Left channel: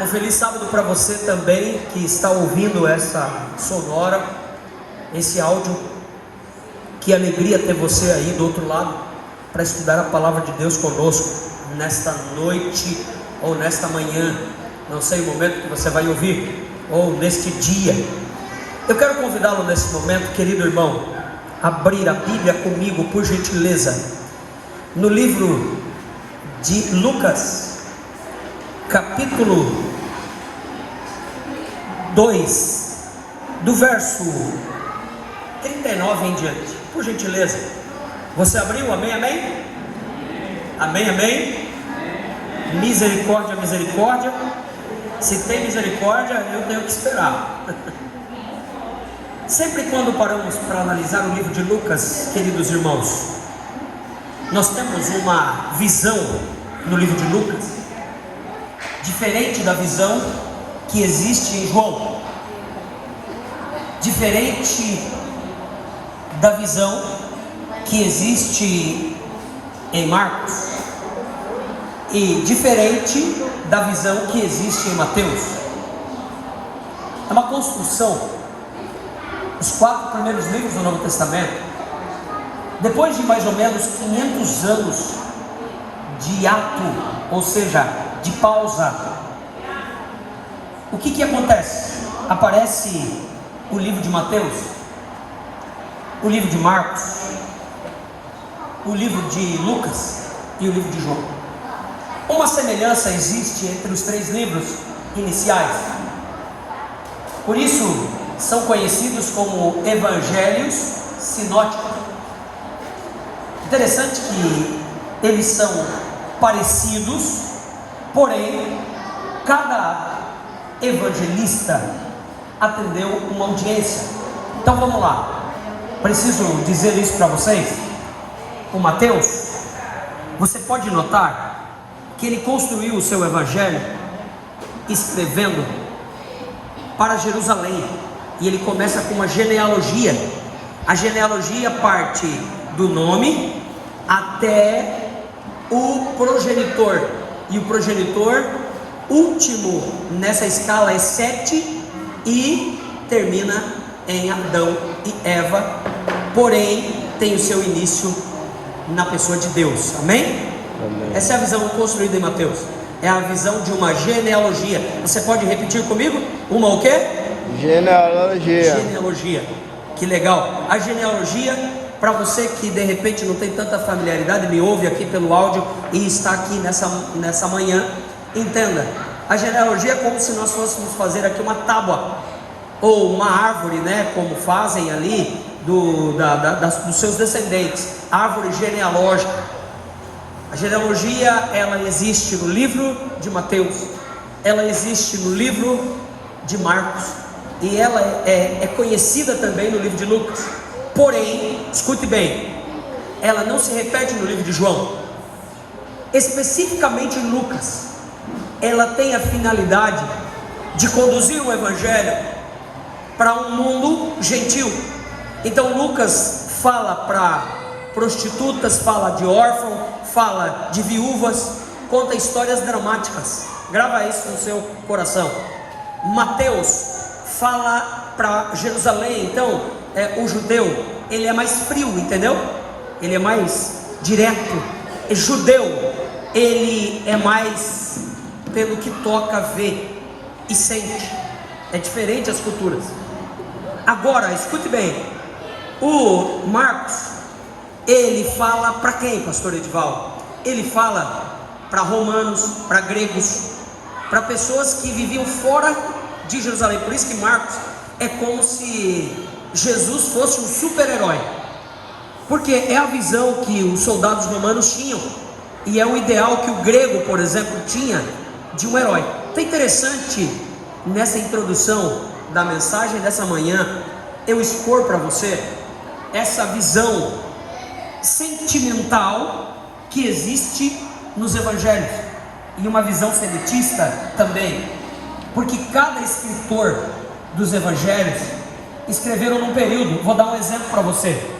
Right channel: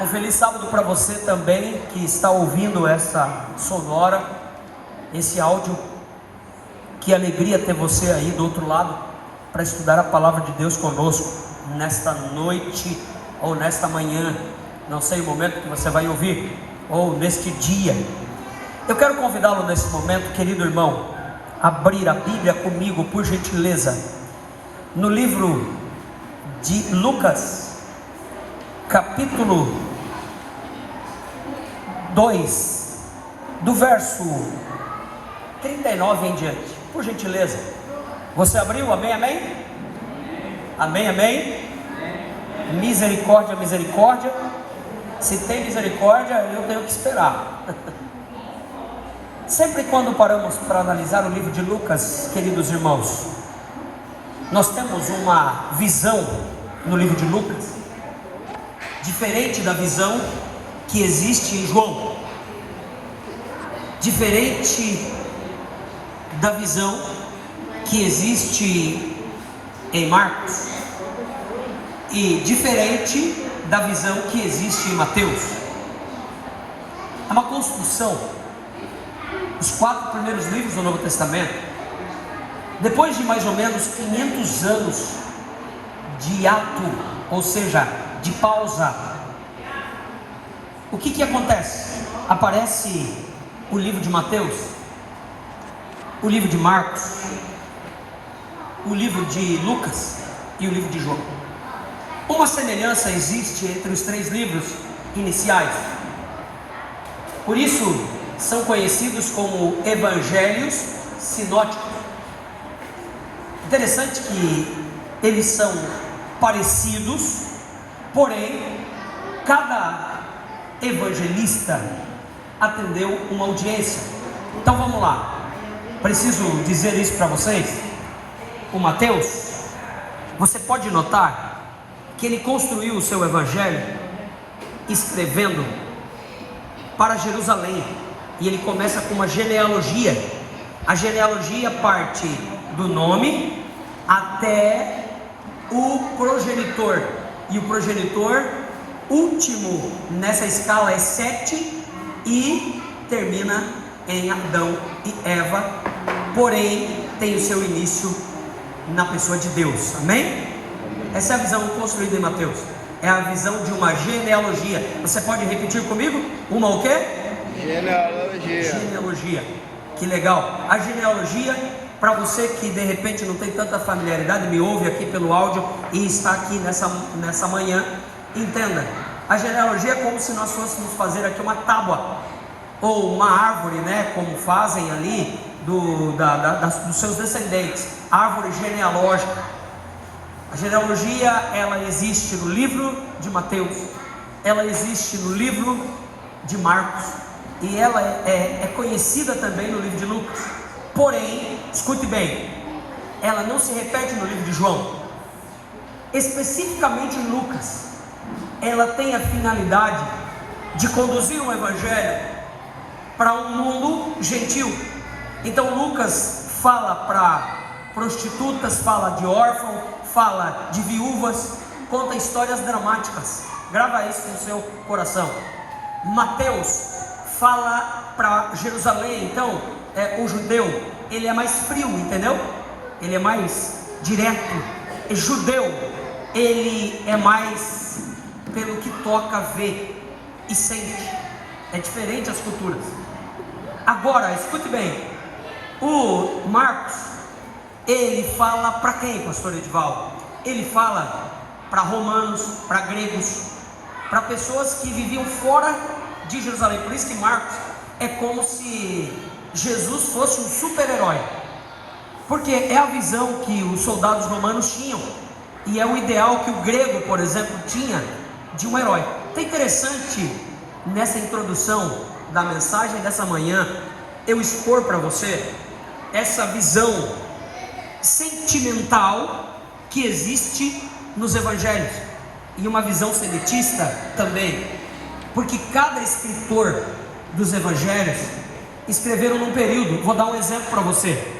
Um feliz sábado para você também que está ouvindo essa sonora, esse áudio. Que alegria ter você aí do outro lado para estudar a palavra de Deus conosco nesta noite ou nesta manhã, não sei o momento que você vai ouvir, ou neste dia. Eu quero convidá-lo nesse momento, querido irmão, a abrir a Bíblia comigo, por gentileza, no livro de Lucas, capítulo 2, do verso 39 em diante, por gentileza. Você abriu? Amém, amém? Amém, amém? Misericórdia, misericórdia. Se tem misericórdia, eu tenho que esperar. Sempre quando paramos para analisar o livro de Lucas, queridos irmãos, nós temos uma visão no livro de Lucas diferente da visão que existe em João, diferente da visão que existe em Marcos e diferente da visão que existe em Mateus. É uma construção. Os 4 primeiros livros do Novo Testamento, depois de mais ou menos 500 anos de ato, ou seja, de pausa, o que acontece? Aparece o livro de Mateus, o livro de Marcos, o livro de Lucas e o livro de João. Uma semelhança existe entre os 3 livros iniciais, por isso são conhecidos como evangelhos sinóticos. Interessante que eles são parecidos, porém cada evangelista atendeu uma audiência. Então vamos lá, preciso dizer isso para vocês. O Mateus, você pode notar que ele construiu o seu evangelho escrevendo para Jerusalém, e ele começa com uma genealogia. A genealogia parte do nome até o progenitor, e o progenitor último nessa escala é Sete, e termina em Adão e Eva, porém tem o seu início na pessoa de Deus. Amém? Amém. Essa é a visão construída em Mateus, é a visão de uma genealogia. Você pode repetir comigo? Uma o quê? Genealogia. Genealogia. Que legal. A genealogia, para você que de repente não tem tanta familiaridade, me ouve aqui pelo áudio e está aqui nessa manhã, entenda. A genealogia é como se nós fôssemos fazer aqui uma tábua ou uma árvore, né? Como fazem ali dos seus descendentes, árvore genealógica. A genealogia, ela existe no livro de Mateus, ela existe no livro de Marcos, e ela é conhecida também no livro de Lucas. Porém, escute bem, ela não se repete no livro de João. Especificamente em Lucas, ela tem a finalidade de conduzir o evangelho para um mundo gentil. Então Lucas fala para prostitutas, fala de órfãos, fala de viúvas, conta histórias dramáticas. Grava isso no seu coração. Mateus fala para Jerusalém. Então o judeu, ele é mais frio, entendeu? Ele é mais direto. O judeu, ele é mais pelo que toca, vê e sente. É diferente as culturas. Agora, escute bem, o Marcos, ele fala para quem, pastor Edivaldo? Ele fala para romanos, para gregos, para pessoas que viviam fora de Jerusalém. Por isso que Marcos é como se Jesus fosse um super-herói, porque é a visão que os soldados romanos tinham, e é o ideal que o grego, por exemplo, tinha de um herói. Então é interessante, nessa introdução da mensagem dessa manhã, eu expor para você essa visão sentimental que existe nos evangelhos, e uma visão seletista também, porque cada escritor dos evangelhos escreveram num período. Vou dar um exemplo para você.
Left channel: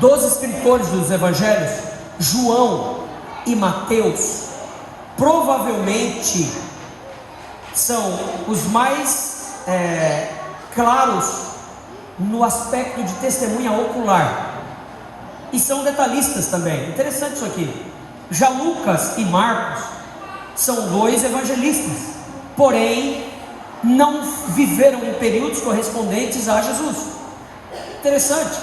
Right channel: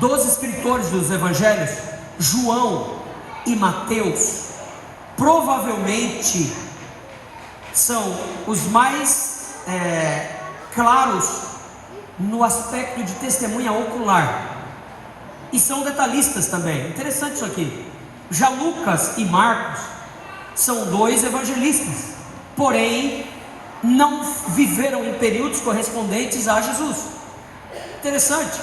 Dos escritores dos evangelhos, João e Mateus provavelmente são os mais claros no aspecto de testemunha ocular, e são detalhistas também. Interessante isso aqui. Já Lucas e Marcos são dois evangelistas, porém não viveram em períodos correspondentes a Jesus. Interessante.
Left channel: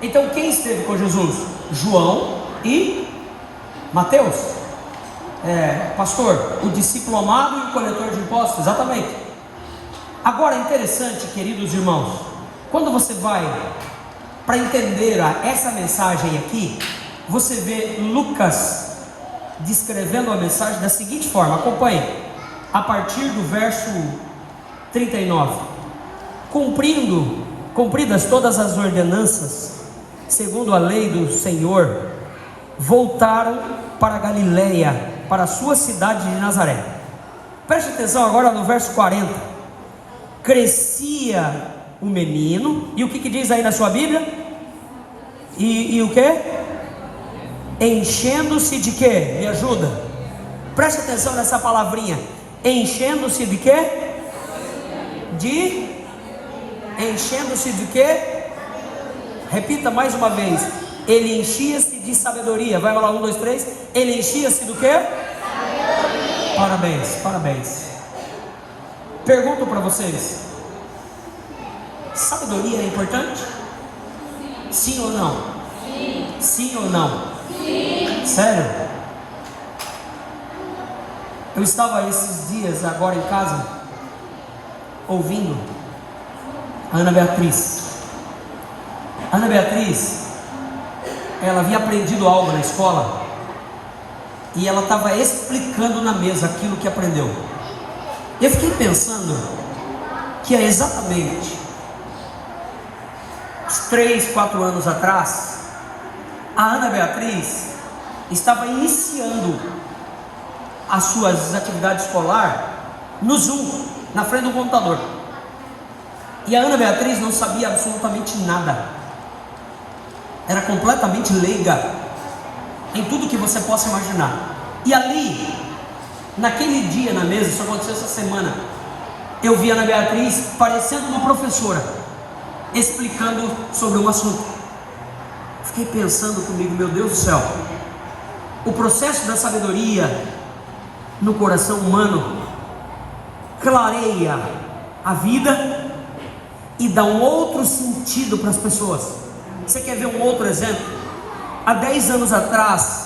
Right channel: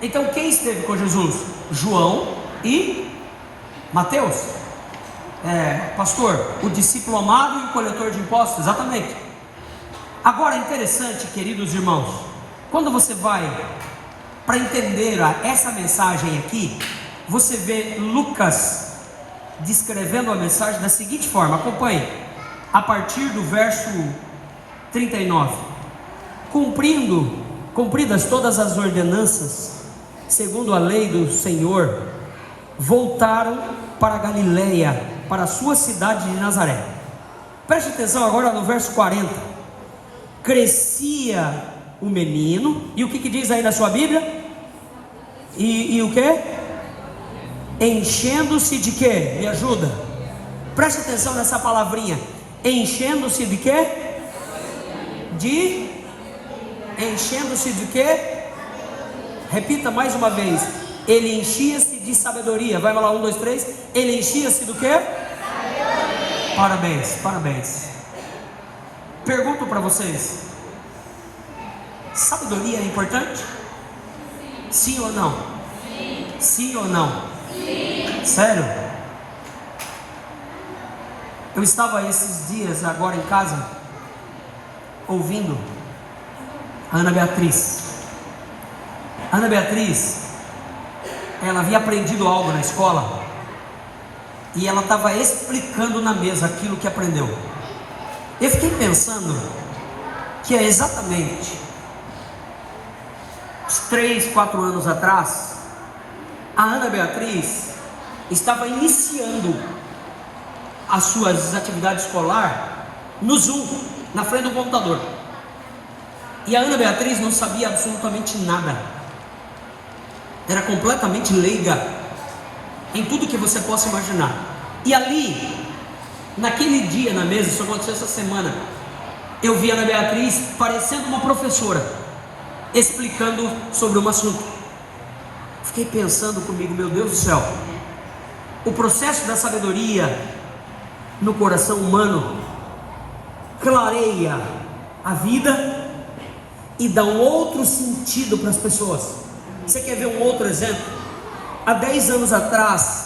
Então quem esteve com Jesus? João e Mateus. Pastor, o discípulo amado e o coletor de impostos, exatamente. Agora, interessante, queridos irmãos, quando você vai para entender essa mensagem aqui, você vê Lucas descrevendo a mensagem da seguinte forma, acompanhe, a partir do verso 39. Cumpridas todas as ordenanças, segundo a lei do Senhor, voltaram para Galiléia, para a sua cidade de Nazaré. Preste atenção agora no verso 40. Crescia o menino, e o que diz aí na sua Bíblia? E o que? Enchendo-se de quê? Me ajuda. Preste atenção nessa palavrinha. Enchendo-se de quê? Enchendo-se de quê? Repita mais uma vez. Ele enchia-se de sabedoria. Vai lá, 1, 2, 3. Ele enchia-se do quê? Parabéns, parabéns. Pergunto para vocês: sabedoria é importante? Sim ou não? Sim ou não? Sério? Eu estava esses dias agora em casa ouvindo a Ana Beatriz. Ana Beatriz, ela havia aprendido algo na escola e ela estava explicando na mesa aquilo que aprendeu. Eu fiquei pensando que é exatamente uns 3, 4 anos atrás, a Ana Beatriz estava iniciando as suas atividades escolares no Zoom, na frente do computador. E a Ana Beatriz não sabia absolutamente nada. Era completamente leiga em tudo que você possa imaginar. E ali, naquele dia na mesa, isso aconteceu essa semana, eu vi a Ana Beatriz parecendo uma professora, explicando sobre um assunto. Fiquei pensando comigo, meu Deus do céu, o processo da sabedoria no coração humano clareia a vida e dá um outro sentido para as pessoas. Você quer ver um outro exemplo? Há 10 anos atrás,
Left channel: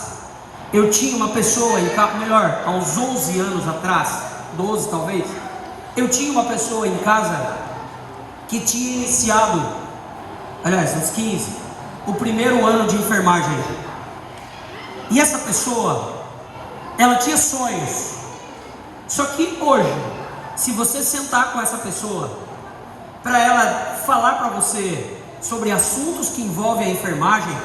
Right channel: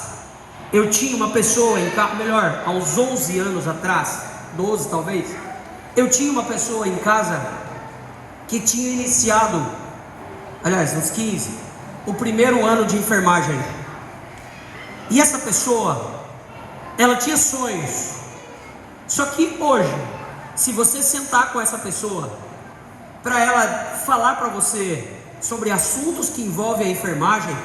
eu tinha uma pessoa em casa, melhor, há uns 11 anos atrás, 12 talvez, eu tinha uma pessoa em casa que tinha iniciado, aliás, uns 15, o primeiro ano de enfermagem. E essa pessoa, ela tinha sonhos. Só que hoje, se você sentar com essa pessoa, para ela falar para você sobre assuntos que envolvem a enfermagem,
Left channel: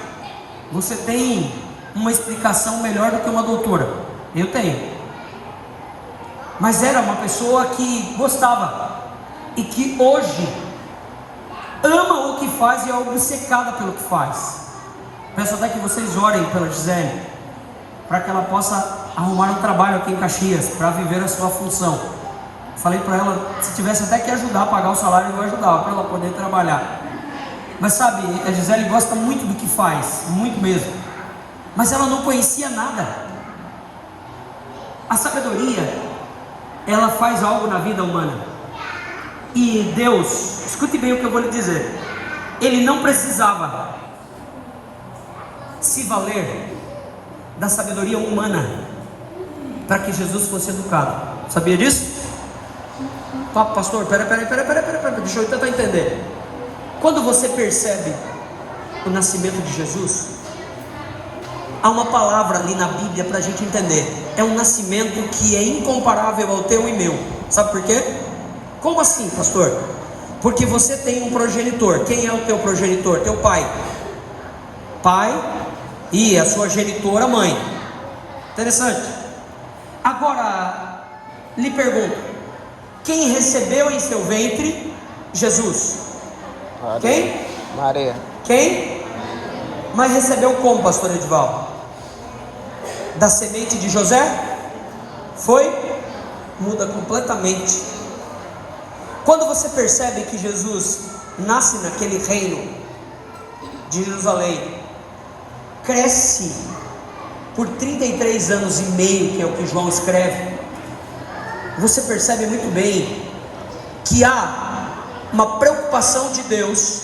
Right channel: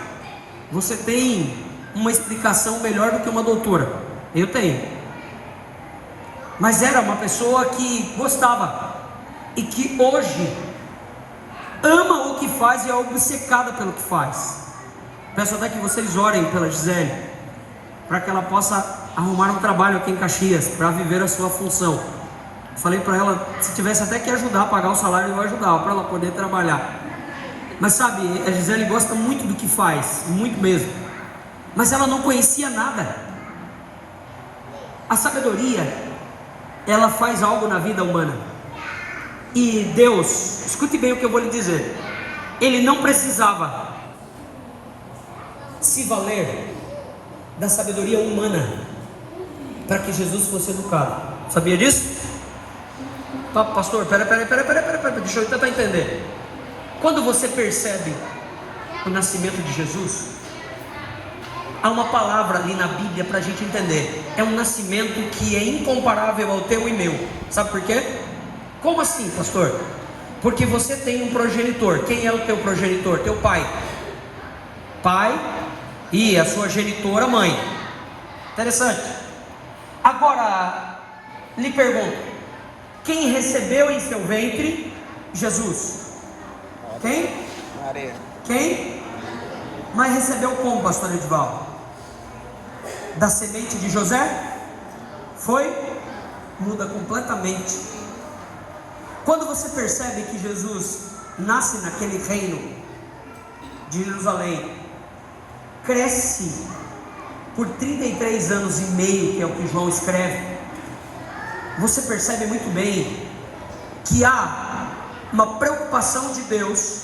você tem uma explicação melhor do que uma doutora. Eu tenho. Mas era uma pessoa que gostava e que hoje ama o que faz e é obcecada pelo que faz. Peço até que vocês orem pela Gisele, para que ela possa arrumar um trabalho aqui em Caxias, para viver a sua função. Falei para ela, se tivesse até que ajudar a pagar o salário, eu ajudava, para ela poder trabalhar. Mas sabe, a Gisele gosta muito do que faz, muito mesmo. Mas ela não conhecia nada. A sabedoria, ela faz algo na vida humana. E Deus, escute bem o que eu vou lhe dizer, Ele não precisava se valer da sabedoria humana para que Jesus fosse educado. Sabia disso? Pastor, pera, deixa eu tentar entender. Quando você percebe o nascimento de Jesus, há uma palavra ali na Bíblia para a gente entender. É um nascimento que é incomparável ao teu e meu. Sabe por quê? Como assim, pastor? Porque você tem um progenitor. Quem é o teu progenitor? Teu pai. Pai e a sua genitora, mãe. Interessante. Agora, lhe pergunto, quem recebeu em seu ventre Jesus? Quem? Maria. Quem? Mas recebeu como, pastor Edivaldo? Da semente de José? Foi? muda completamente. Quando você percebe que Jesus nasce naquele reino de Jerusalém, cresce por 33 anos e meio, que é o que João escreve, você percebe muito bem que há uma preocupação de Deus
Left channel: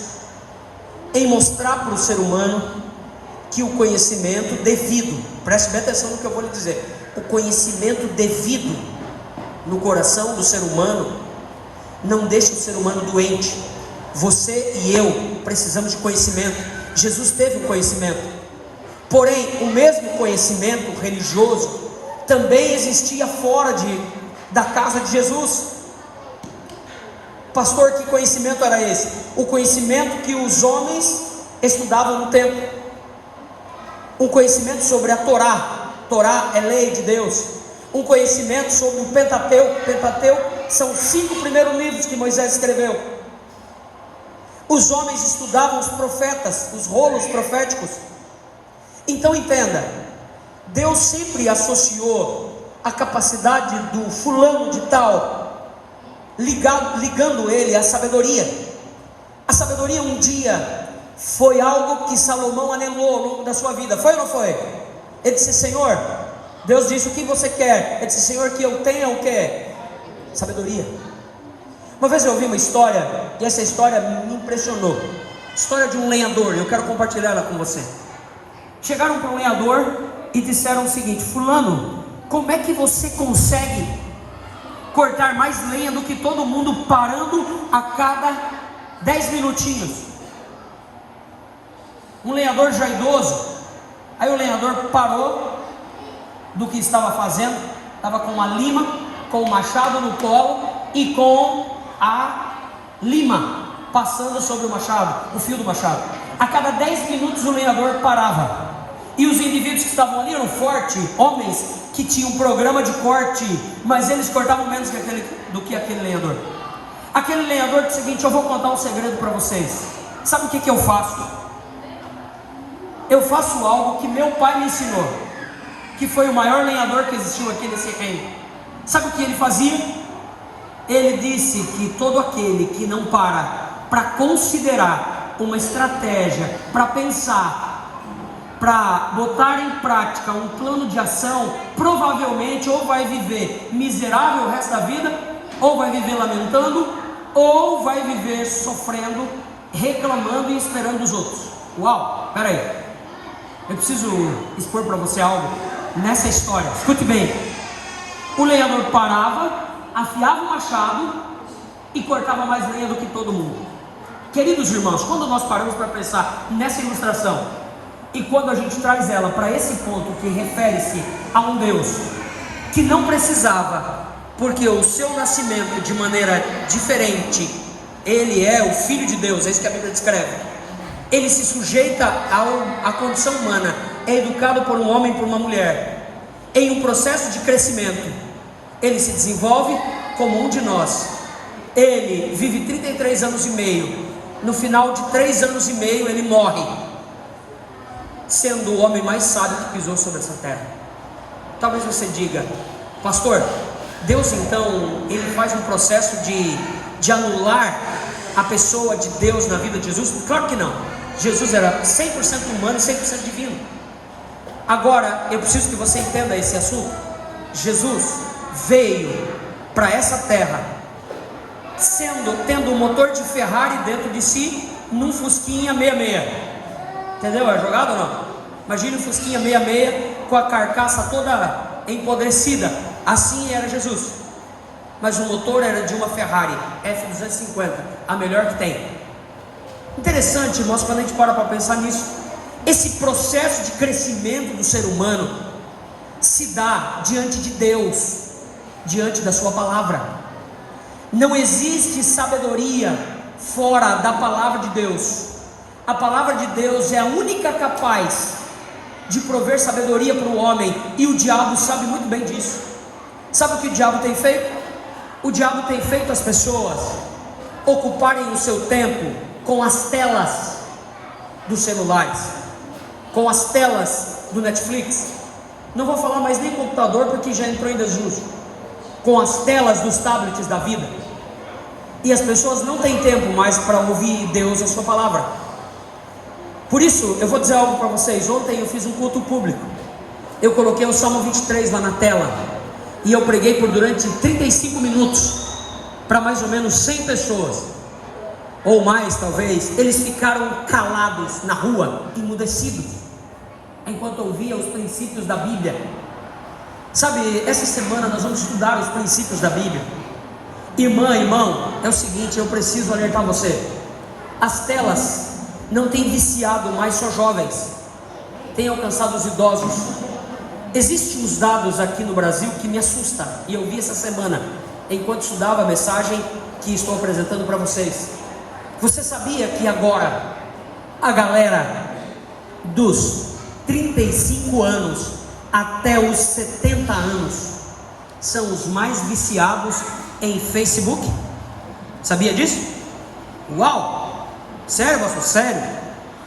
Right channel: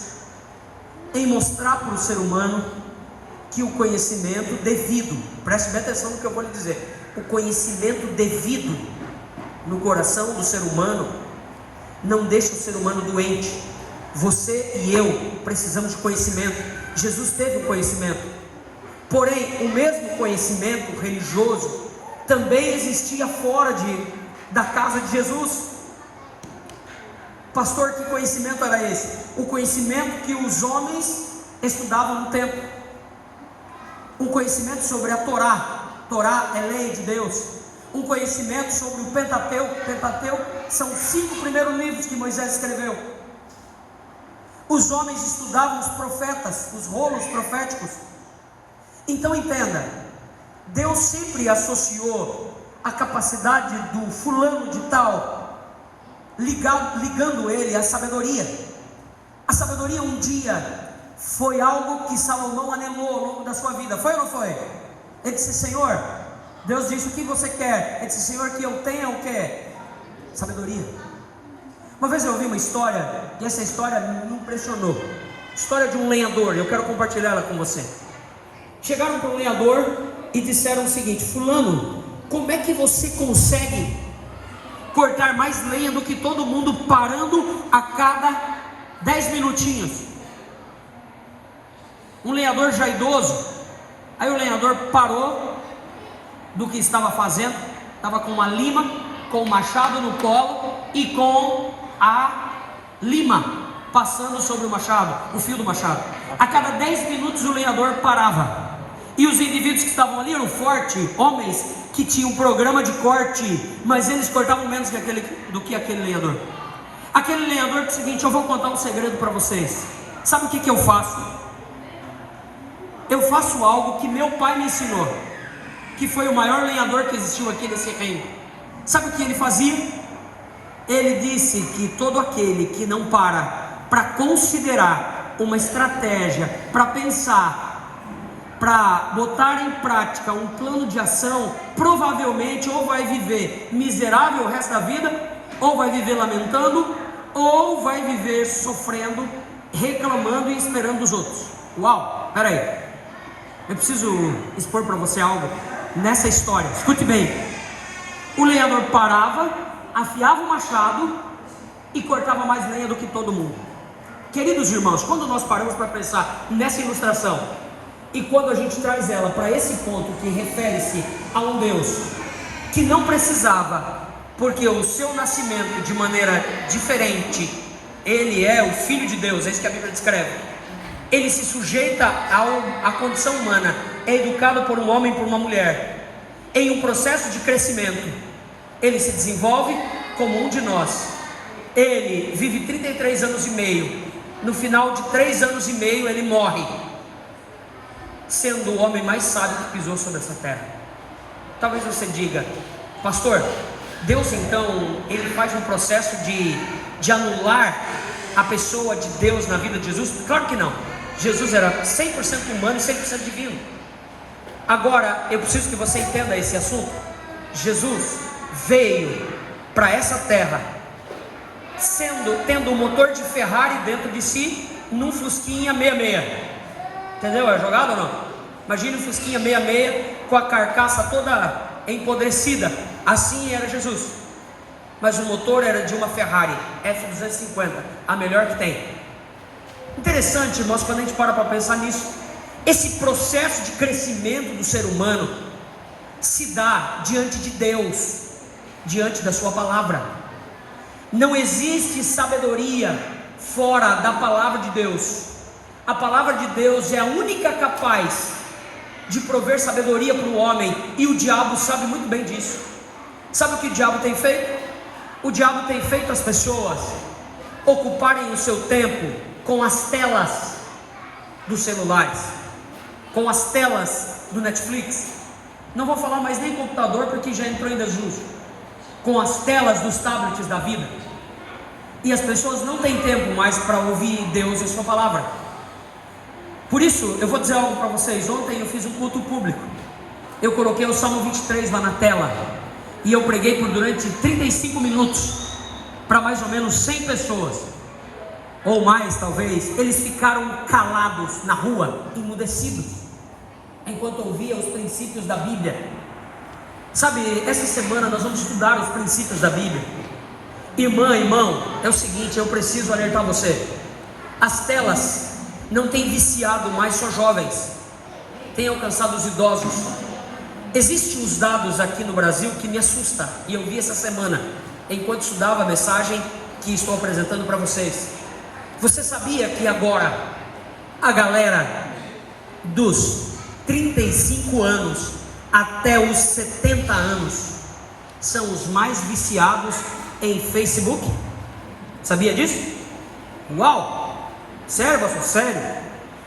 em mostrar para o ser humano que o conhecimento devido, preste bem atenção no que eu vou lhe dizer, o conhecimento devido no coração do ser humano não deixa o ser humano doente. Você e eu precisamos de conhecimento. Jesus teve um conhecimento, porém o mesmo conhecimento religioso também existia fora da casa de Jesus. Pastor, que conhecimento era esse? O conhecimento que os homens estudavam no templo, um conhecimento sobre a Torá. Torá é lei de Deus. Um conhecimento sobre o Pentateuco. Pentateuco são os 5 primeiros livros que Moisés escreveu. Os homens estudavam os profetas, os rolos proféticos. Então entenda, Deus sempre associou a capacidade do fulano de tal, ligando ele à sabedoria. A sabedoria um dia foi algo que Salomão anelou ao longo da sua vida, foi ou não foi? Ele disse: Senhor, Deus disse: o que você quer? Ele disse: Senhor, que eu tenha o que? Sabedoria. Uma vez eu ouvi uma história, e essa história me impressionou. História de um lenhador, eu quero compartilhar ela com você. Chegaram para um lenhador e disseram o seguinte: fulano, como é que você consegue cortar mais lenha do que todo mundo parando a cada 10 minutinhos? Um lenhador já idoso. Aí o lenhador parou do que estava fazendo, estava com uma lima, com o machado no colo e com a lima passando sobre o machado, o fio do machado. A cada 10 minutos o lenhador parava, e os indivíduos que estavam ali eram fortes, homens que tinham um programa de corte, mas eles cortavam menos do que aquele lenhador. Aquele lenhador disse o seguinte: eu vou contar um segredo para vocês. Sabe o que eu faço? Eu faço algo que meu pai me ensinou, que foi o maior lenhador que existiu aqui nesse reino. Sabe o que ele fazia? Ele disse que todo aquele que não para considerar uma estratégia, para pensar, para botar em prática um plano de ação, provavelmente ou vai viver miserável o resto da vida, ou vai viver lamentando, ou vai viver sofrendo, reclamando e esperando os outros. Uau, peraí, eu preciso expor para você algo nessa história, escute bem. O lenhador parava, afiava o machado e cortava mais lenha do que todo mundo. Queridos irmãos, quando nós paramos para pensar nessa ilustração, e quando a gente traz ela para esse ponto que refere-se a um Deus que não precisava, porque o seu nascimento de maneira diferente, ele é o Filho de Deus, é isso que a Bíblia descreve. Ele se sujeita à condição humana, é educado por um homem e por uma mulher, em um processo de crescimento. Ele se desenvolve como um de nós. Ele vive 33 anos e meio. No final de 3 anos e meio ele morre, sendo o homem mais sábio que pisou sobre essa terra. Talvez você diga: pastor, Deus então ele faz um processo de anular a pessoa de Deus na vida de Jesus? Claro que não. Jesus era 100% humano e 100% divino. Agora eu preciso que você entenda esse assunto. Jesus veio para essa terra tendo um motor de Ferrari dentro de si, num Fusquinha 66. Entendeu a jogada ou não? Imagine um Fusquinha 66 com a carcaça toda empodrecida. Assim era Jesus, mas o motor era de uma Ferrari F250, a melhor que tem. Interessante, irmãos, quando a gente para pensar nisso. Esse processo de crescimento do ser humano se dá diante de Deus, diante da sua palavra. Não existe sabedoria fora da palavra de Deus. A palavra de Deus é a única capaz de prover sabedoria para o homem, e o diabo sabe muito bem disso. Sabe o que o diabo tem feito? O diabo tem feito as pessoas ocuparem o seu tempo com as telas dos celulares, com as telas do Netflix. Não vou falar mais nem computador, porque já entrou em desuso. com as telas dos tablets da vida. E as pessoas não têm tempo mais para ouvir Deus, a sua palavra. Por isso, eu vou dizer algo para vocês. Ontem eu fiz um culto público. Eu coloquei o Salmo 23 lá na tela. E eu preguei por durante 35 minutos para mais ou menos 100 pessoas. Ou mais talvez. Eles ficaram calados na rua, emudecidos, enquanto ouviam os princípios da Bíblia. Sabe, essa semana nós vamos estudar os princípios da Bíblia. Irmã, irmão, é o seguinte, eu preciso alertar você. As telas não têm viciado mais só jovens, têm alcançado os idosos. Existem uns dados aqui no Brasil que me assustam, e eu vi essa semana, enquanto estudava a mensagem que estou apresentando para vocês. Você sabia que agora a galera dos 35 anos até os 70 anos são os mais viciados em Facebook? Sabia disso? Uau! Sério, pastor? Sério?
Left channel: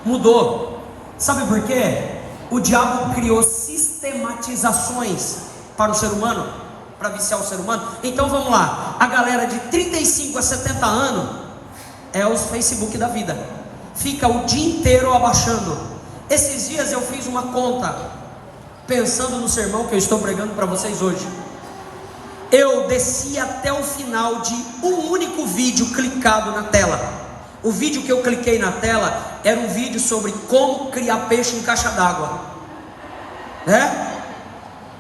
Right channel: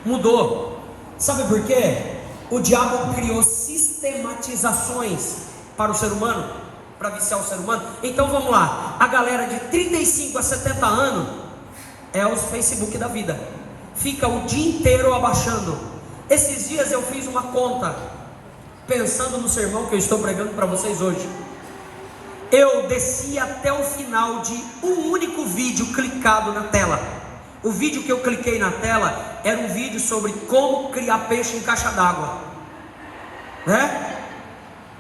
Mudou. Sabe por quê? O diabo criou sistematizações para o ser humano, para viciar o ser humano. Então vamos lá, a galera de 35 a 70 anos é os Facebook da vida, fica o dia inteiro abaixando. Esses dias eu fiz uma conta, pensando no sermão que eu estou pregando para vocês hoje. Eu desci até o final de um único vídeo clicado na tela. O vídeo que eu cliquei na tela era um vídeo sobre como criar peixe em caixa d'água, né?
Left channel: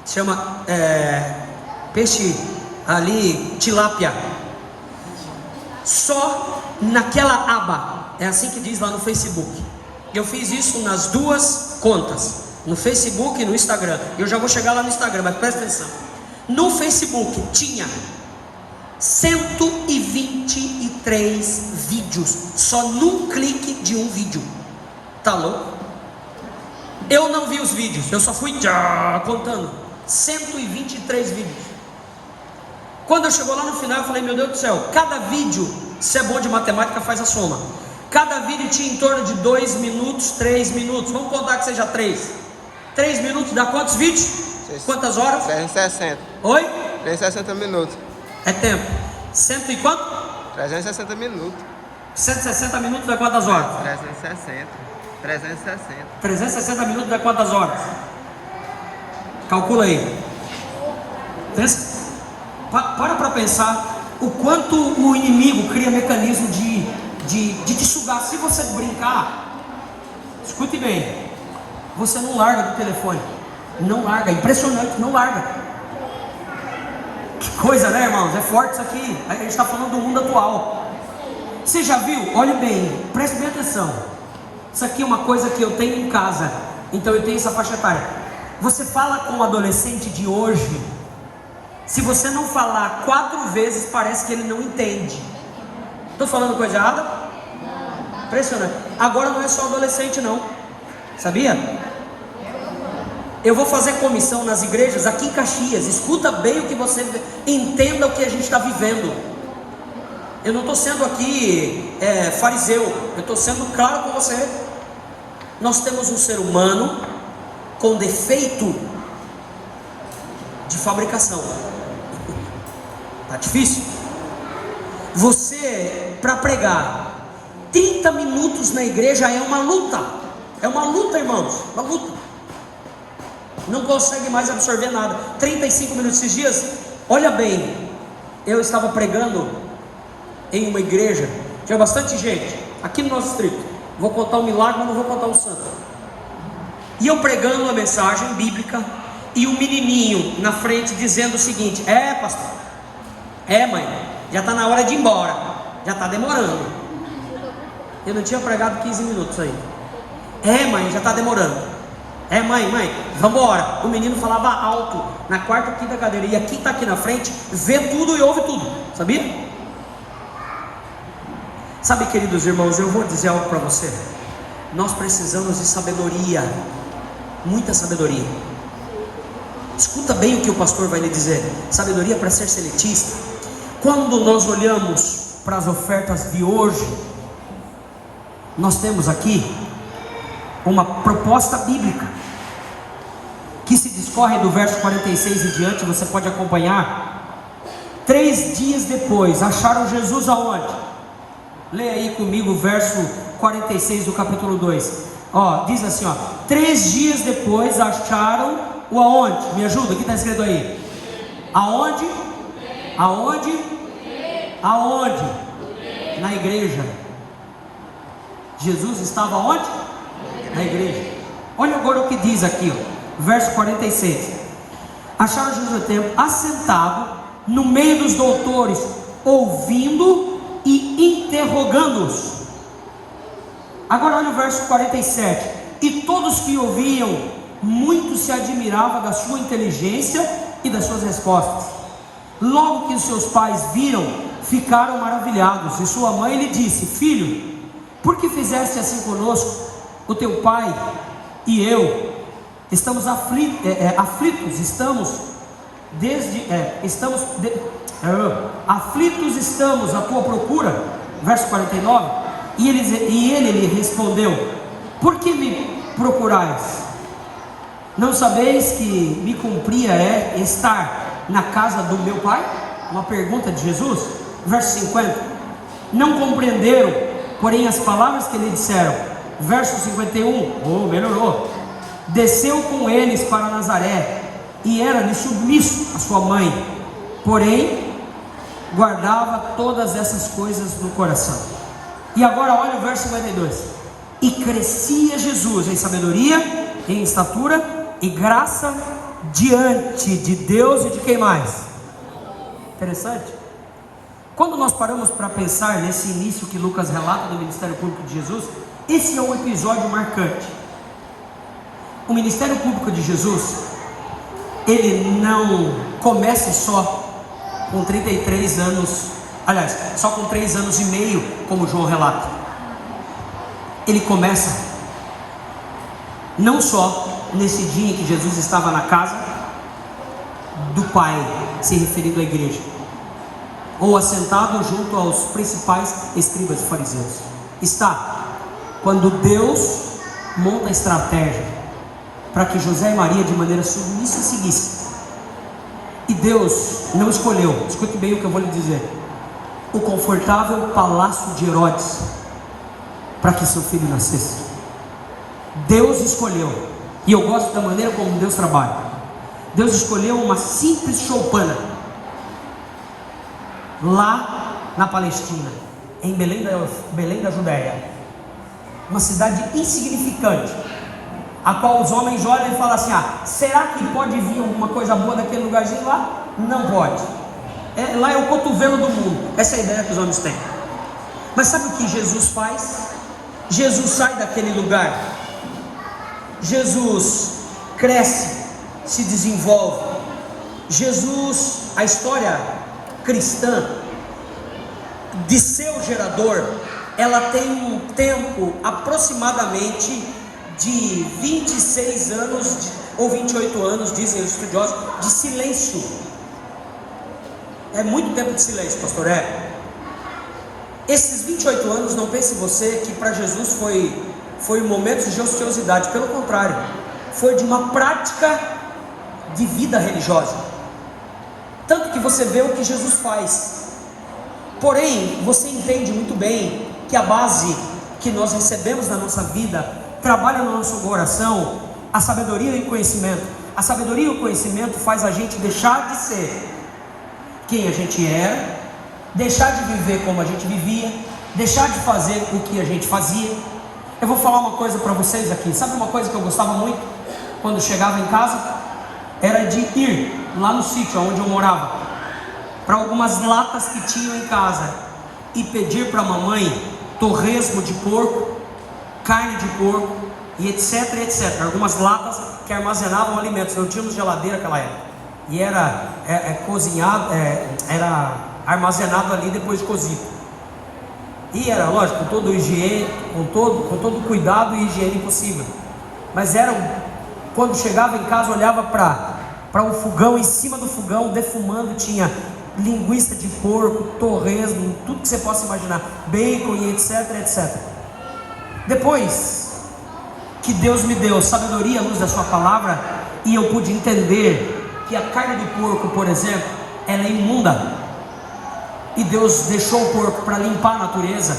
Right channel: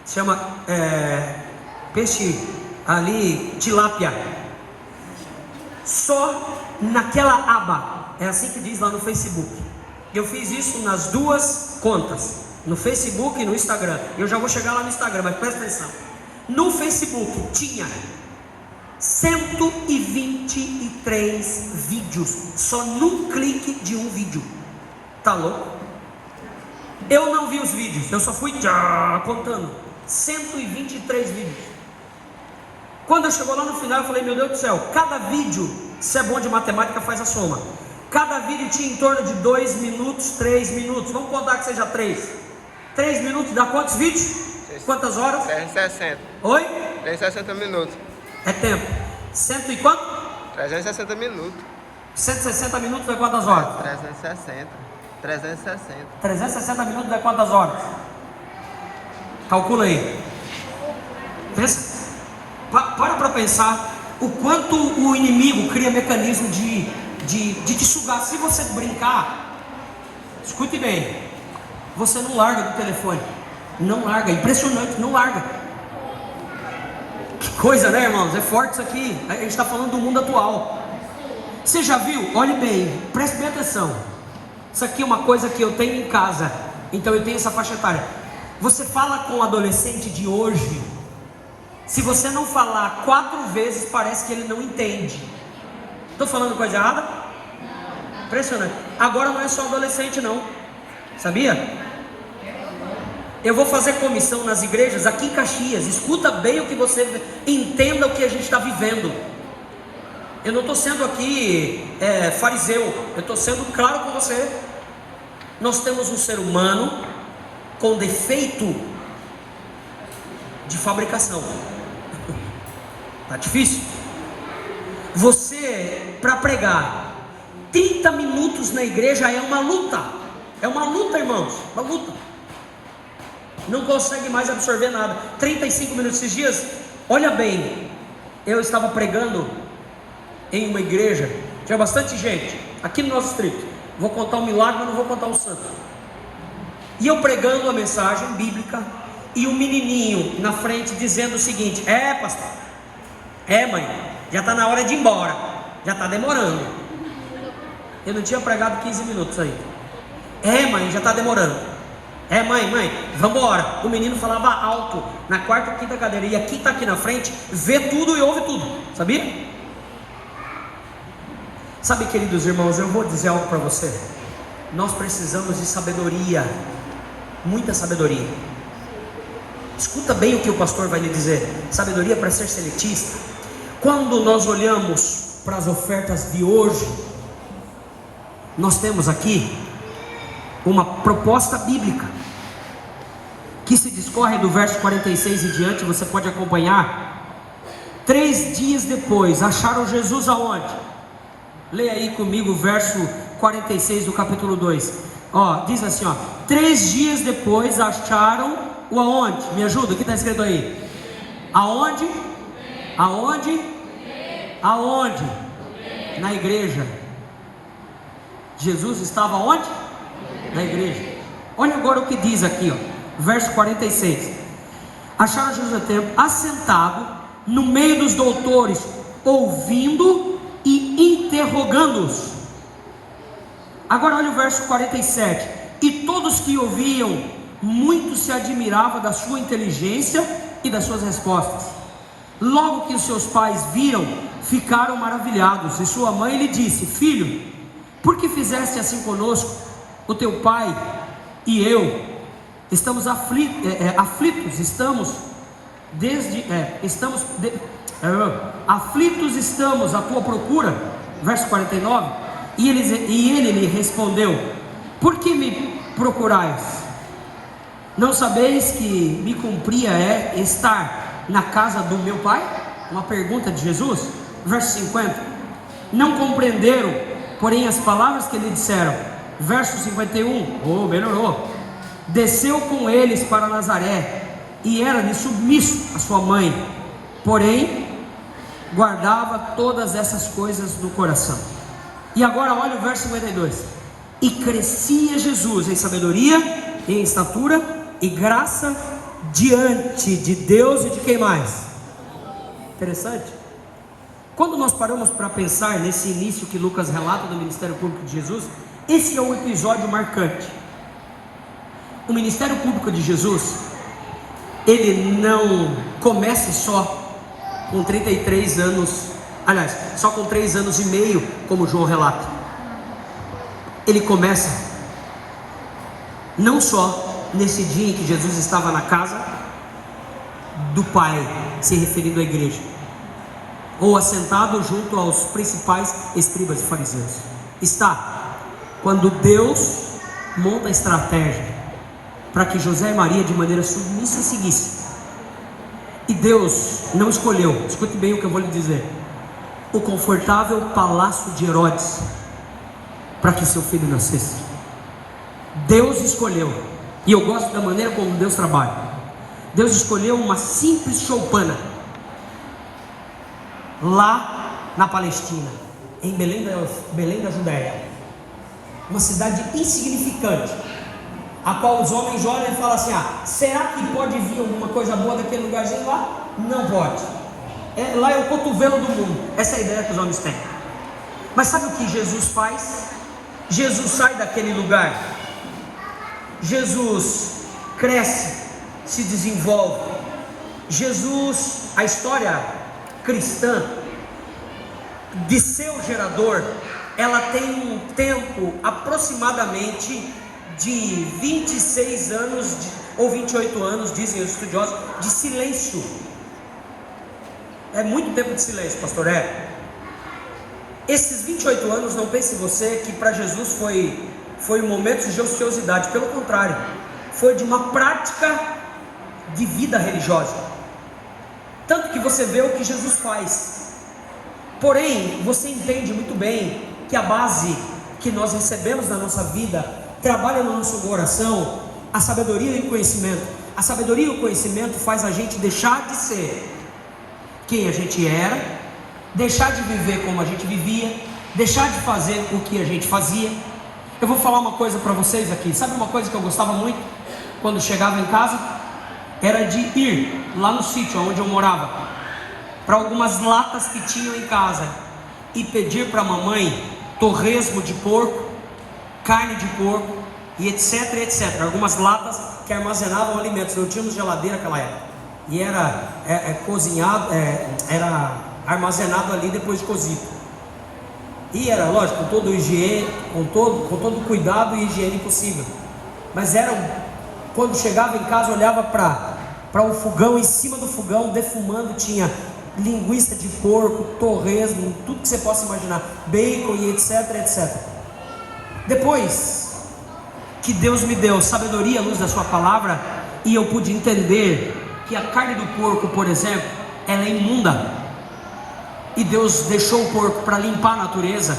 Chama peixe ali, tilápia. Só naquela aba, é assim que diz lá no Facebook. Eu fiz isso nas duas contas, no Facebook e no Instagram. Eu já vou chegar lá no Instagram, mas presta atenção. No Facebook tinha 123 vídeos, só num clique de um vídeo. Tá louco? Eu não vi os vídeos, eu só fui contando 123 vídeos. Quando eu chegou lá no final, eu falei, meu Deus do céu, cada vídeo, se é bom de matemática, faz a soma. Cada vídeo tinha em torno de 2 minutos, 3 minutos. Vamos contar que seja 3. 3 minutos dá quantos vídeos? Quantas horas? 360. Oi? 360 minutos. É tempo. Cento e quanto? 360 minutos. 160 minutos dá quantas horas? 360. 360. 360 minutos dá quantas horas? Calcula aí. Pensa. Para pensar o quanto o inimigo cria mecanismo de te sugar. Se você brincar, escute bem, você não larga do telefone. Não larga, impressionante, não larga. Que coisa, né, irmãos? É forte isso aqui. A gente está falando do mundo atual. Você já viu? Olhe bem, preste bem atenção. Isso aqui é uma coisa que eu tenho em casa. Então eu tenho essa faixa etária. Você fala com o adolescente de hoje, se você não falar 4 vezes, parece que ele não entende. Estou falando coisa errada? Impressionante. Agora não é só adolescente não, sabia? Eu vou fazer comissão nas igrejas aqui em Caxias. Escuta bem o que você entenda, o que a gente está vivendo. Eu não estou sendo aqui fariseu, eu estou sendo claro com você. Nós temos um ser humano com defeito de fabricação. Tá difícil? Você, para pregar 30 minutos na igreja é uma luta. É uma luta, irmãos, uma luta. Não consegue mais absorver nada. 35 minutos esses dias. Olha bem, eu estava pregando em uma igreja, tinha bastante gente aqui no nosso distrito. Vou contar um milagre, mas não vou contar um santo. E eu pregando uma mensagem bíblica, e um menininho na frente dizendo o seguinte: pastor, mãe, já está na hora de ir embora, já está demorando. Eu não tinha pregado 15 minutos ainda. Mãe, já está demorando. Mãe, vamos embora. O menino falava alto na quarta ou quinta cadeira, e quem está aqui na frente vê tudo e ouve tudo, sabia? Sabe, queridos irmãos, eu vou dizer algo para você. Nós precisamos de sabedoria, muita sabedoria. Escuta bem o que o pastor vai lhe dizer. Sabedoria para ser seletista. Quando nós olhamos para as ofertas de hoje, nós temos aqui uma proposta bíblica que se discorre do verso 46 em diante. Você pode acompanhar. 3 dias depois, acharam Jesus aonde? Leia aí comigo o verso 46 do capítulo 2. Diz assim, 3 dias depois acharam o aonde? Me ajuda, o que está escrito aí? Aonde? Aonde? Aonde? Na igreja. Jesus estava onde? Na igreja. Olha agora o que diz aqui, verso 46. Acharam Jesus no templo, assentado no meio dos doutores, ouvindo e interrogando-os. Agora olha o verso 47. E todos que ouviam, muito se admiravam da sua inteligência e das suas respostas. Logo que os seus pais viram, ficaram maravilhados. E sua mãe lhe disse: filho, por que fizeste assim conosco? O teu pai e eu estamos aflitos, aflitos estamos à tua procura. Verso 49. E ele lhe respondeu: por que me procurais? Não sabeis que me cumpria estar na casa do meu pai? Uma pergunta de Jesus. Verso 50. Não compreenderam, porém, as palavras que lhe disseram. Verso 51. Melhorou. Desceu com eles para Nazaré, e era-lhe submisso a sua mãe, porém guardava todas essas coisas no coração. E agora olha o verso 52. E crescia Jesus em sabedoria, em estatura e graça diante de Deus e de quem mais? Interessante. Quando nós paramos para pensar nesse início que Lucas relata do ministério público de Jesus, esse é um episódio marcante. O ministério público de Jesus, ele não começa só com 33 anos, aliás, só com 3 anos e meio, como João relata. Ele começa não só nesse dia em que Jesus estava na casa do Pai, se referindo à igreja, ou assentado junto aos principais escribas e fariseus. Está quando Deus monta a estratégia para que José e Maria de maneira submissa seguissem. E Deus não escolheu, escute bem o que eu vou lhe dizer, o confortável palácio de Herodes para que seu filho nascesse. Deus escolheu, e eu gosto da maneira como Deus trabalha. Deus escolheu uma simples choupana lá na Palestina, em Belém da Judéia, uma cidade insignificante, a qual os homens olham e falam assim: será que pode vir alguma coisa boa daquele lugarzinho lá? Não pode. Lá é o cotovelo do mundo. Essa é a ideia que os homens têm. Mas sabe o que Jesus faz? Jesus sai daquele lugar. Jesus cresce, se desenvolve. Jesus, a história cristã de seu gerador, ela tem um tempo aproximadamente de 26 anos ou 28 anos, dizem os estudiosos, de silêncio. É muito tempo de silêncio, pastor. Esses 28 anos, não pense você que para Jesus foi um momento de ociosidade. Pelo contrário, foi de uma prática de vida religiosa. Tanto que você vê o que Jesus faz. Porém, você entende muito bem que a base que nós recebemos na nossa vida trabalha no nosso coração a sabedoria e o conhecimento. A sabedoria e o conhecimento faz a gente deixar de ser quem a gente era, deixar de viver como a gente vivia, deixar de fazer o que a gente fazia. Eu vou falar uma coisa para vocês aqui. Sabe uma coisa que eu gostava muito quando chegava em casa? Era de ir lá no sítio onde eu morava, para algumas latas que tinham em casa, e pedir para a mamãe torresmo de porco, carne de porco e etc, etc. Algumas latas que armazenavam alimentos. Não tínhamos geladeira naquela época, e era cozinhado, era armazenado ali depois de cozido. E era, lógico, com todo o higiene, com todo o cuidado e higiene possível. Mas quando chegava em casa, olhava para um fogão, em cima do fogão, defumando, tinha linguiça de porco, torresmo, tudo que você possa imaginar, bacon e etc, etc. Depois que Deus me deu sabedoria à luz da sua palavra, e eu pude entender que a carne do porco, por exemplo, ela é imunda, e Deus deixou o porco para limpar a natureza,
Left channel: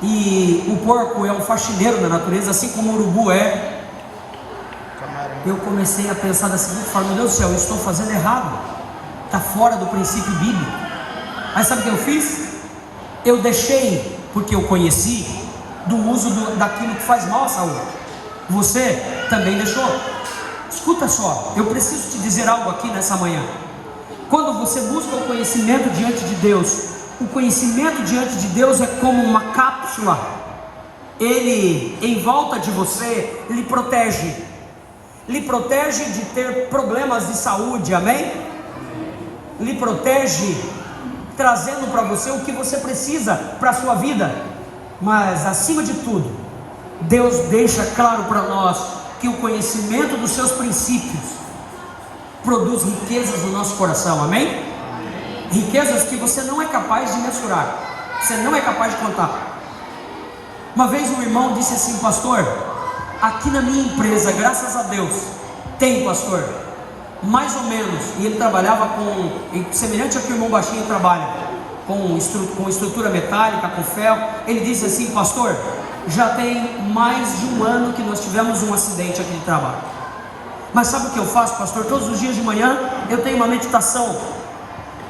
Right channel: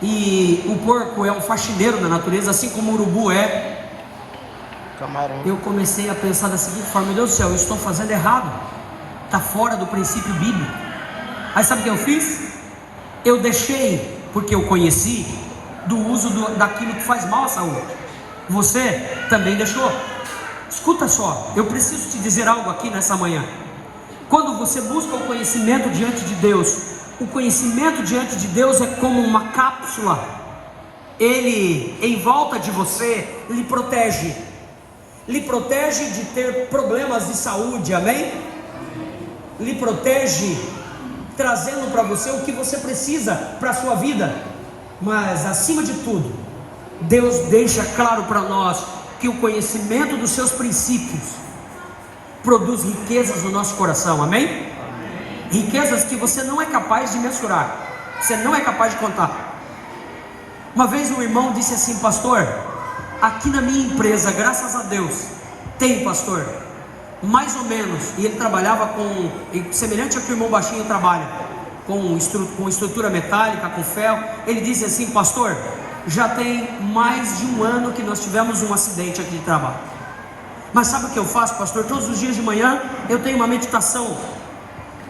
e o porco é um faxineiro da natureza, assim como o urubu é. Camarão. Eu comecei a pensar da seguinte forma: meu Deus do céu, eu estou fazendo errado, está fora do princípio bíblico. Aí sabe o que eu fiz? Eu deixei, porque eu conheci, do uso daquilo que faz mal à saúde. Você também deixou. Escuta só, eu preciso te dizer algo aqui nessa manhã. Quando você busca o conhecimento diante de Deus, o conhecimento diante de Deus é como uma cápsula. Ele, em volta de você, lhe protege de ter problemas de saúde, amém? Lhe protege, trazendo para você o que você precisa para a sua vida. Mas acima de tudo, Deus deixa claro para nós que o conhecimento dos seus princípios produz riquezas no nosso coração, amém? Riquezas que você não é capaz de mensurar, você não é capaz de contar. Uma vez um irmão disse assim: pastor, aqui na minha empresa, graças a Deus, tem, pastor, mais ou menos, e ele trabalhava semelhante ao que o irmão Baixinho trabalha, com estrutura metálica, com ferro. Ele disse assim: pastor, já tem mais de um ano que nós tivemos um acidente aqui de trabalho. Mas sabe o que eu faço, pastor? Todos os dias de manhã eu tenho uma meditação.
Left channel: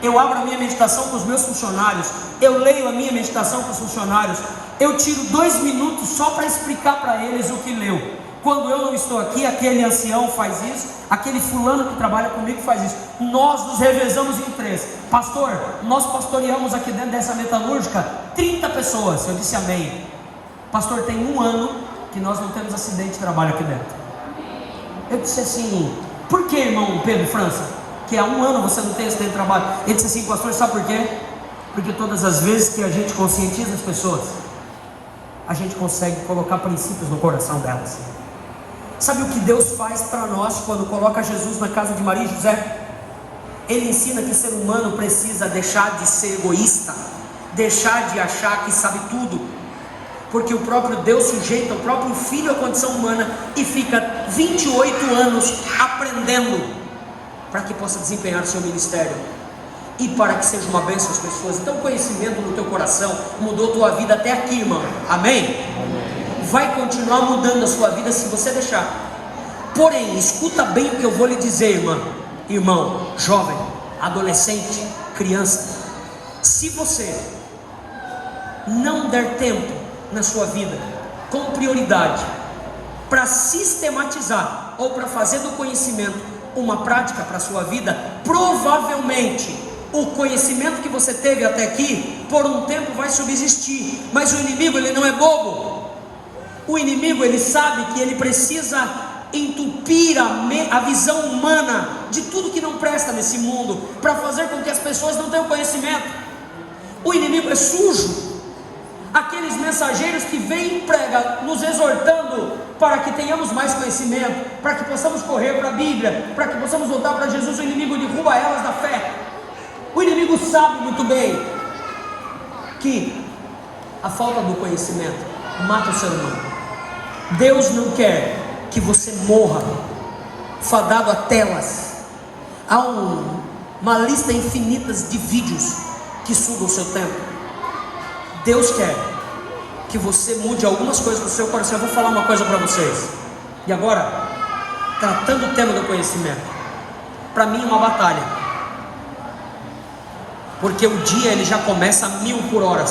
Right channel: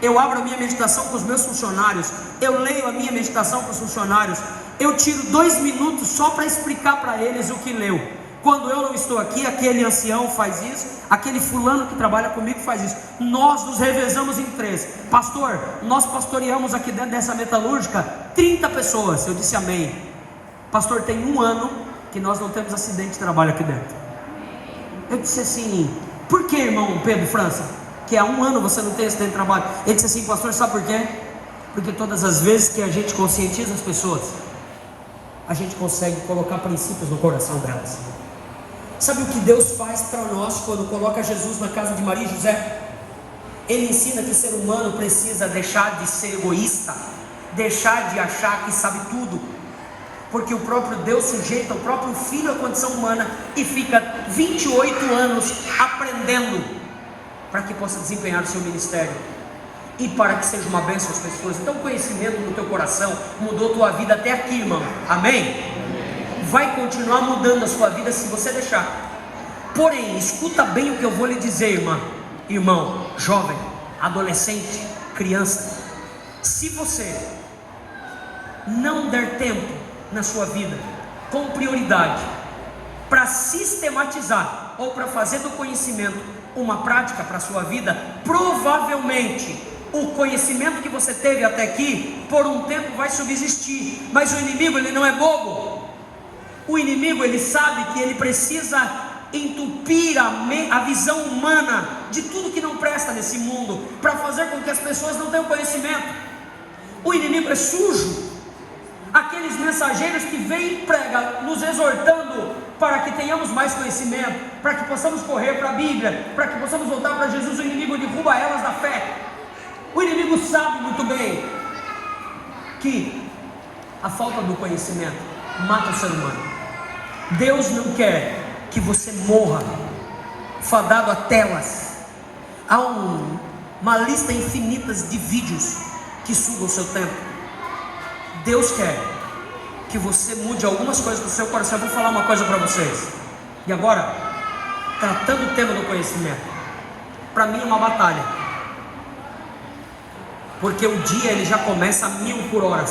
Eu abro a minha meditação com os meus funcionários, eu leio a minha meditação com os funcionários, eu tiro 2 minutos só para explicar para eles o que leu. Quando eu não estou aqui, aquele ancião faz isso, aquele fulano que trabalha comigo faz isso. Nós nos revezamos em 3. Pastor, nós pastoreamos aqui dentro dessa metalúrgica 30 pessoas. Eu disse amém. Pastor, tem 1 ano que nós não temos acidente de trabalho aqui dentro. Eu disse assim: por que, irmão Pedro França, que há 1 ano você não tem acidente de trabalho? Ele disse assim: pastor, sabe por quê? Porque todas as vezes que a gente conscientiza as pessoas, a gente consegue colocar princípios no coração delas. Sabe o que Deus faz para nós quando coloca Jesus na casa de Maria e José? Ele ensina que o ser humano precisa deixar de ser egoísta, deixar de achar que sabe tudo, porque o próprio Deus sujeita o próprio Filho à condição humana e fica 28 anos aprendendo para que possa desempenhar o seu ministério e para que seja uma bênção às pessoas. Então o conhecimento no teu coração mudou tua vida até aqui, irmão, amém? Vai continuar mudando a sua vida se você deixar. Porém, escuta bem o que eu vou lhe dizer, irmão, jovem, adolescente, criança. Se você não der tempo na sua vida, com prioridade, para sistematizar ou para fazer do conhecimento uma prática para a sua vida, provavelmente o conhecimento que você teve até aqui, por um tempo vai subsistir. Mas o inimigo, ele não é bobo. O inimigo, ele sabe que ele precisa entupir a visão humana de tudo que não presta nesse mundo, para fazer com que as pessoas não tenham conhecimento. O inimigo é sujo. Aqueles mensageiros que vêm e pregam, nos exortando para que tenhamos mais conhecimento, para que possamos correr para a Bíblia, para que possamos voltar para Jesus, o inimigo derruba elas da fé. O inimigo sabe muito bem que a falta do conhecimento mata o ser humano. Deus não quer que você morra fadado a telas. Há uma lista infinita de vídeos que sugam o seu tempo. Deus quer que você mude algumas coisas do seu coração. Eu vou falar uma coisa para vocês. E agora, tratando o tema do conhecimento, para mim é uma batalha, porque o dia ele já começa a 1000 por hora.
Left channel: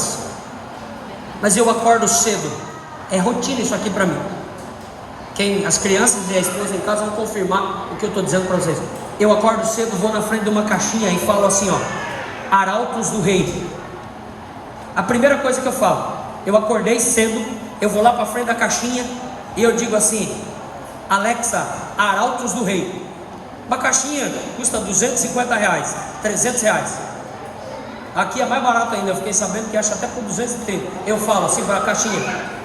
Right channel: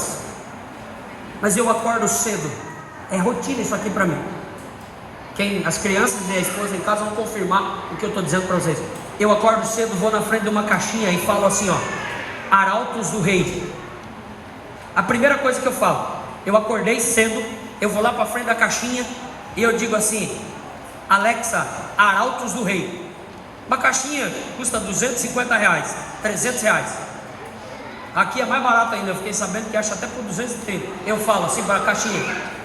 Mas eu acordo cedo. É rotina isso aqui para mim. As crianças e a esposa em casa vão confirmar o que eu estou dizendo para vocês. Eu acordo cedo, vou na frente de uma caixinha e falo assim, Arautos do Rei. A primeira coisa que eu falo, eu acordei cedo, eu vou lá para frente da caixinha e eu digo assim: Alexa, Arautos do Rei. Uma caixinha custa R$250, R$300. Aqui é mais barato ainda, eu fiquei sabendo que acha até por 230. Eu falo assim para a caixinha:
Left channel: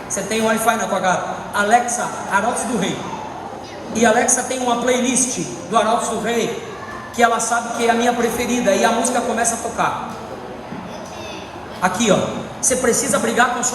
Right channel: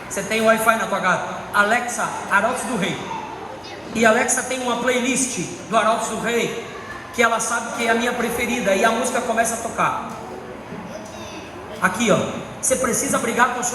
você tem Wi-Fi na tua casa? Alexa, Arautos do Rei. E Alexa tem uma playlist do Arautos do Rei, que ela sabe que é a minha preferida, e a música começa a tocar. Aqui, você precisa brigar com sua